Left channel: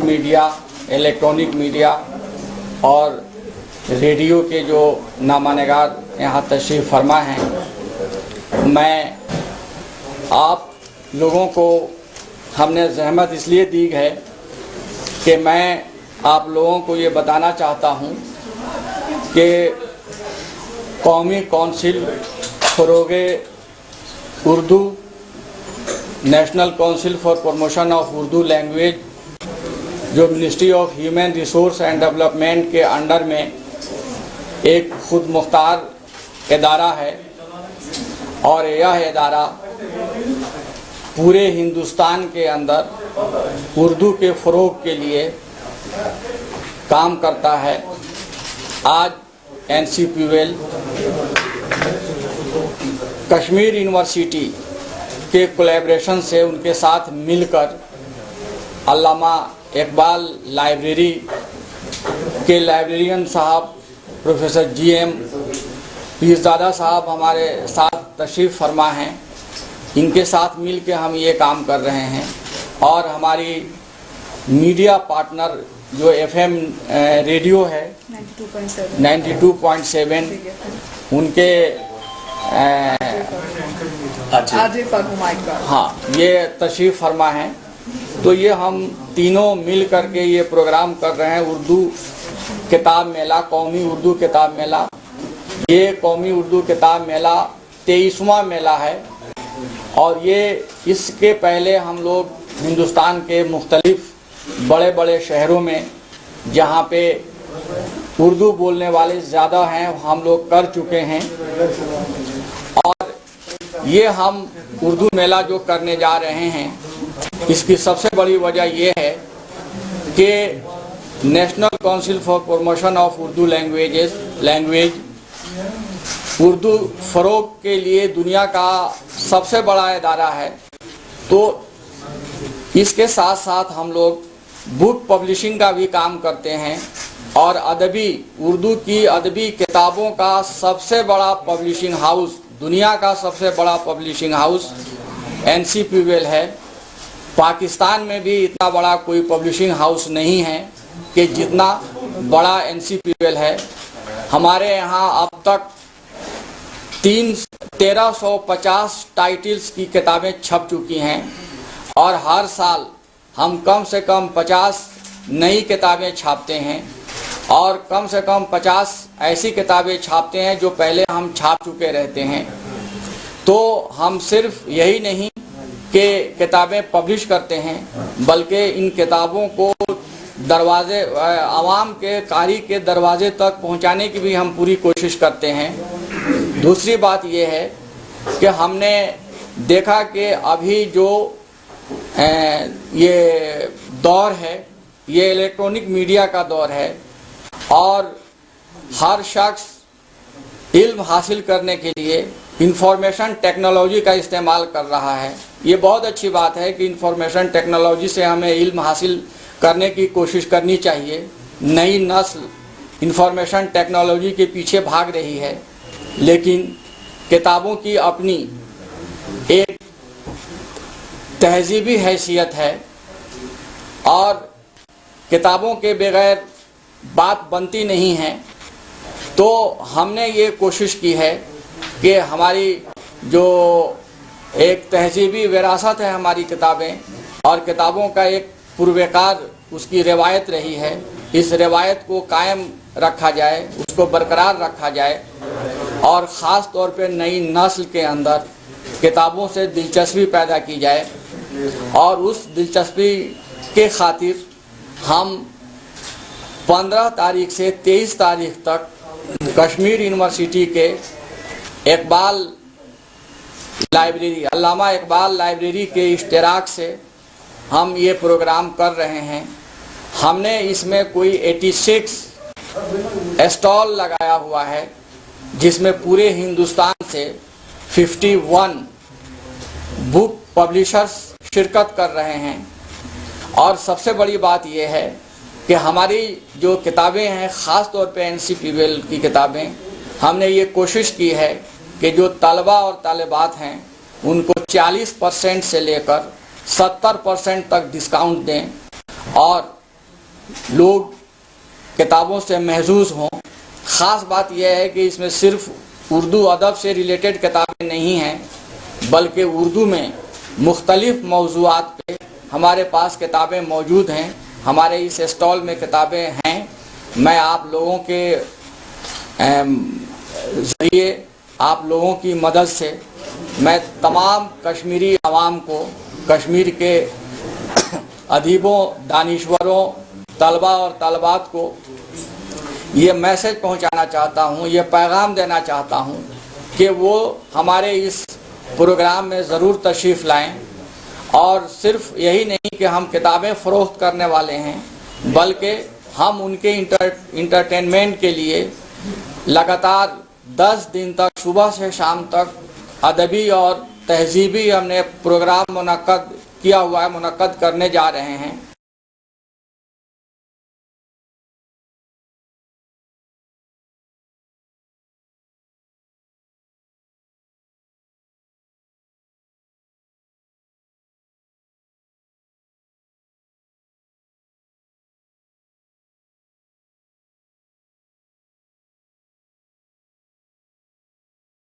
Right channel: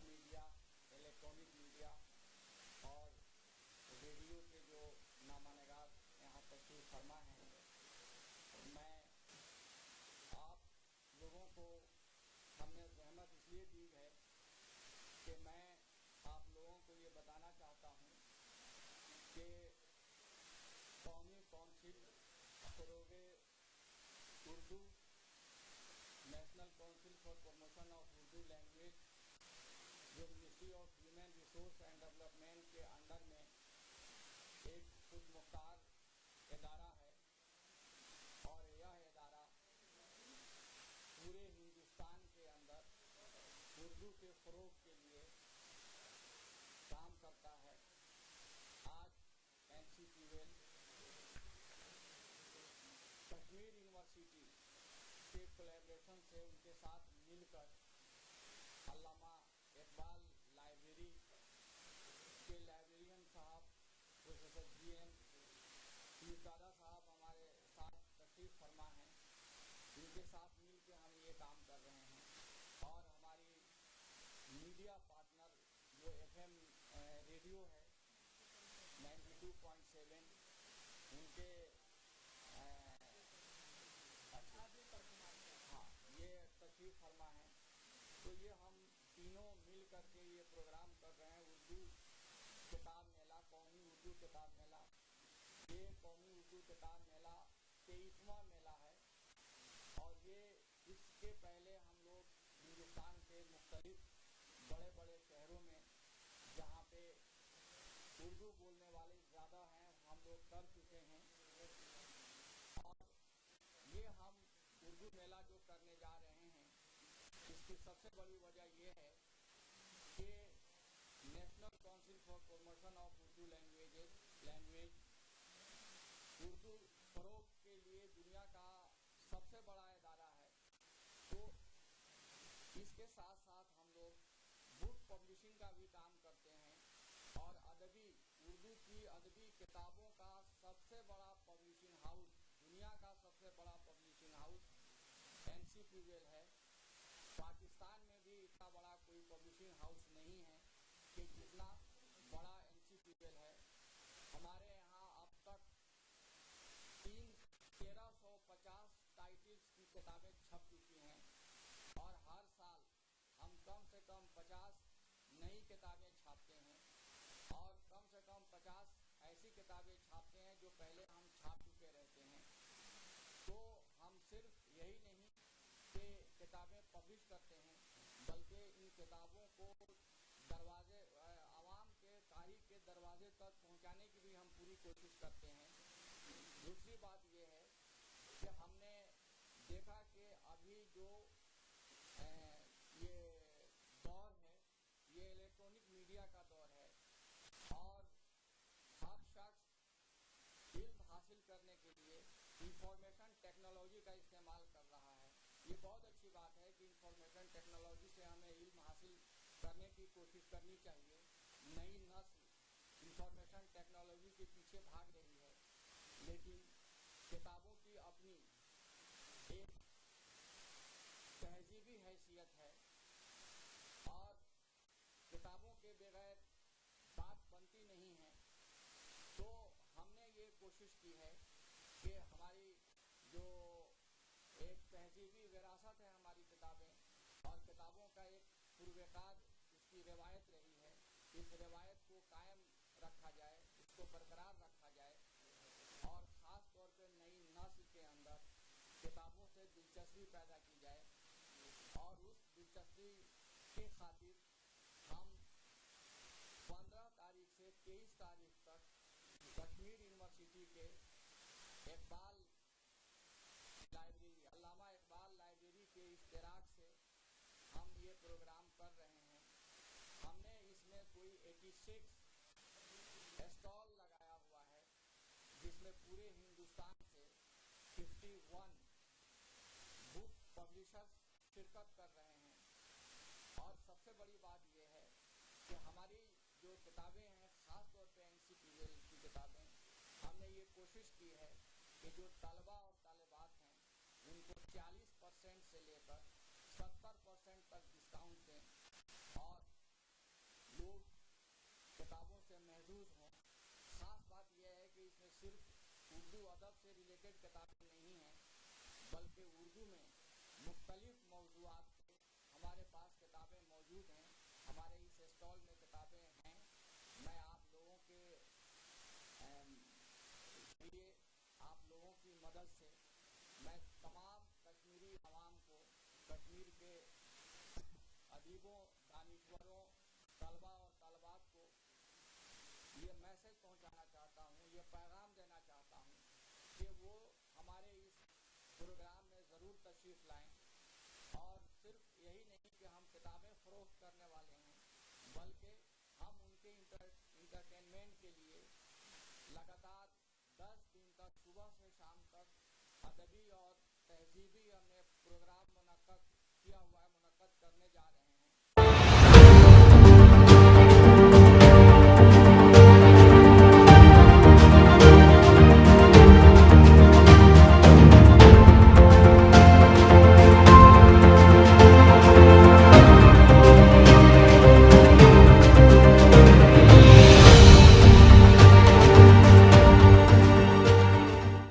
Media, electronic media और radio के जो नामानिगार यहाँ तशरीफ़ फरमा हैं, मैं आप लोगों को हमने ज़हमत इसलिए दी है कि मैं आप लोगों को ये बताना चाहता हूँ कि कौमी कौंसिल फ़रोग़े Urdu, National Council for Promotion of Urdu Language, जो Ministry of Human Resource and Development के अंडर में एक खुद मुख्तार इदारा है और यह इदारा पूरे हिंदुस्तान के अंदर उर्दू के फ़रोग़ के लिए काम करता है। आज NCPUL कश्मीर यूनिवर्सिटी के कोलैबोरेशन से उनके साथ मिलकर अल्लामा इकबाल लाइब्रेरी के लाइब्रेरियन साहब प्रोफेसर GM पीरज़ादा साहब हमारे साथ तशरीफ़ फरमा हैं। इनके साथ मिल के हम ये काम कर रहे हैं और हमारी मीडिया पार्टनर जो FM रेडियो है 92.7 उनके हाँ ये तशरीफ़ फरमा है। तो ये हम तीनों मिल करके ये प्रोग्राम कर रहे हैं। उर्दू किताब मेला, कौमी उर्दू किताब मेला, ये कौमी उर्दू किताब मेला 23वां मेला है और ये इसके पहले हम लोग हिंदुस्तान के मुख्तलिफ बड़े बड़े शहरों में जहाँ पे उर्दू बोलने वाले ज़्यादा हैं हम लोग कर चुके हैं। और ये हम उर्दू मेला जो करने जा रहे हैं, इसकी सबसे बड़ी वजह ये है कि National Council for Promotion of Urdu Language Urdu फ़रोग़ के लिए दुनिया का सबसे बड़ा इदारा है। तो इसके साथ साथ हम लोग बुक पब्लिशिंग का भी काम करते हैं और उर्दू की अदबी किताबों का सबसे बड़ा पब्लिशिंग हाउस, दुनिया का सबसे बड़ा पब्लिशिंग हाउस NCPUL है। पाकिस्तान में भी इतना बड़ा कोई पब्लिशिंग हाउस नहीं है कि जितना बड़ा NCPUL है। हमारे यहाँ अब तक 1350 टाइटल्स की किताबें छप चुकी हैं और हर साल हम कम से कम 50 नई किताबें छापते हैं और कम से कम 50 ऐसी किताबें छापते हैं जो पहले हम छाप चुके रहते हैं। तो हम सिर्फ यही नहीं कि किताबें पब्लिश करते हैं, बल्कि इन किताबों को आवाम के कारी के दरवाजे तक पहुंचाने की भी हम पूरी कोशिश करते हैं। दूसरी बात यह है कि हमने देखा कि अभी जो ये दौर है, ये इलेक्ट्रॉनिक मीडिया का दौर है और हर शख्स इल्म हासिल करने के लिए इंफॉर्मेशन टेक्नोलॉजी का इस्तेमाल कर रहा है। ये बहुत अच्छी बात है कि इंफॉर्मेशन टेक्नोलॉजी से हमें इल्म हासिल करने की कोशिश करनी चाहिए। नई नस्ल इंफॉर्मेशन टेक्नोलॉजी के पीछे भाग रही है, लेकिन किताबों की अपनी एक तहजीबी हैसियत है और किताबों के बगैर बात बनती नहीं है। तो हमने ये कोशिश की है कि हमारी जो एक तहजीबी विरासत है हमारी किताबें, और किताबों का एक पूर्वकार उसकी रिवायत रही है, इस रिवायत को कायम रखा जाए, उसको बरकरार रखा जाए और ख़ास तौर पे नई नस्ल के अंदर किताबों से दिलचस्पी पैदा की जाए। और उस दिलचस्पी के खातिर हम 15 तारीख से 23 तारीख तक कश्मीर यूनिवर्सिटी के इकबाल लाइब्रेरी, अल्लामा इकबाल लाइब्रेरी के इश्तिराक से हम ये प्रोग्राम कर रहे हैं। हमने इसमें कोई 86 स्टॉल लगाया हुआ है, जिसमें पूरे हिंदुस्तान से 51 बुक पब्लिशर्स शिरकत कर रहे हैं। और सबसे बड़ी बात यह है कि हमारी जो किताबें हैं, ख़ास तौर पे NCPUL की किताबें, हमने ये कोशिश की है कि जो तलबा और तालिबात हैं उनको 40% से लेकर 70% तक डिस्काउंट दें और लोग किताबों से महजूज हों। ख़ास बात यह है कि इसमें सिर्फ उर्दू अदब से रिलेटेड किताबें नहीं हैं, बल्कि उर्दू में मुख्तलिफ़ मौज़ूआत पे हमारे पास किताबें मौजूद हैं। हमारे इस स्टॉल में किताबें हैं। मैं आप लोगों के ज़रिए, आप लोगों की मदद से मैं तमाम कश्मीरी आवाम को, कश्मीर के अदीबों, दानिश्वरों, तलबा और तलबात को ये मैसेज पहुंचाना चाहता हूं, ये पैगाम देना चाहता हूं कि वो हमारे इस प्रोग्राम में ज़रूर तशरीफ़ लाएं। और सिर्फ यही नहीं कि हम किताबें फ़रोख्त करने वाले हैं, बल्कि हम उनके इंटरटेनमेंट के लिए लगातार 10 दिन तक सुबह से शाम तक अदबी और तहज़ीबी हमने प्रोग्राम मुनक्कद किया हुआ है, मुनक्कद करने जा रहे हैं।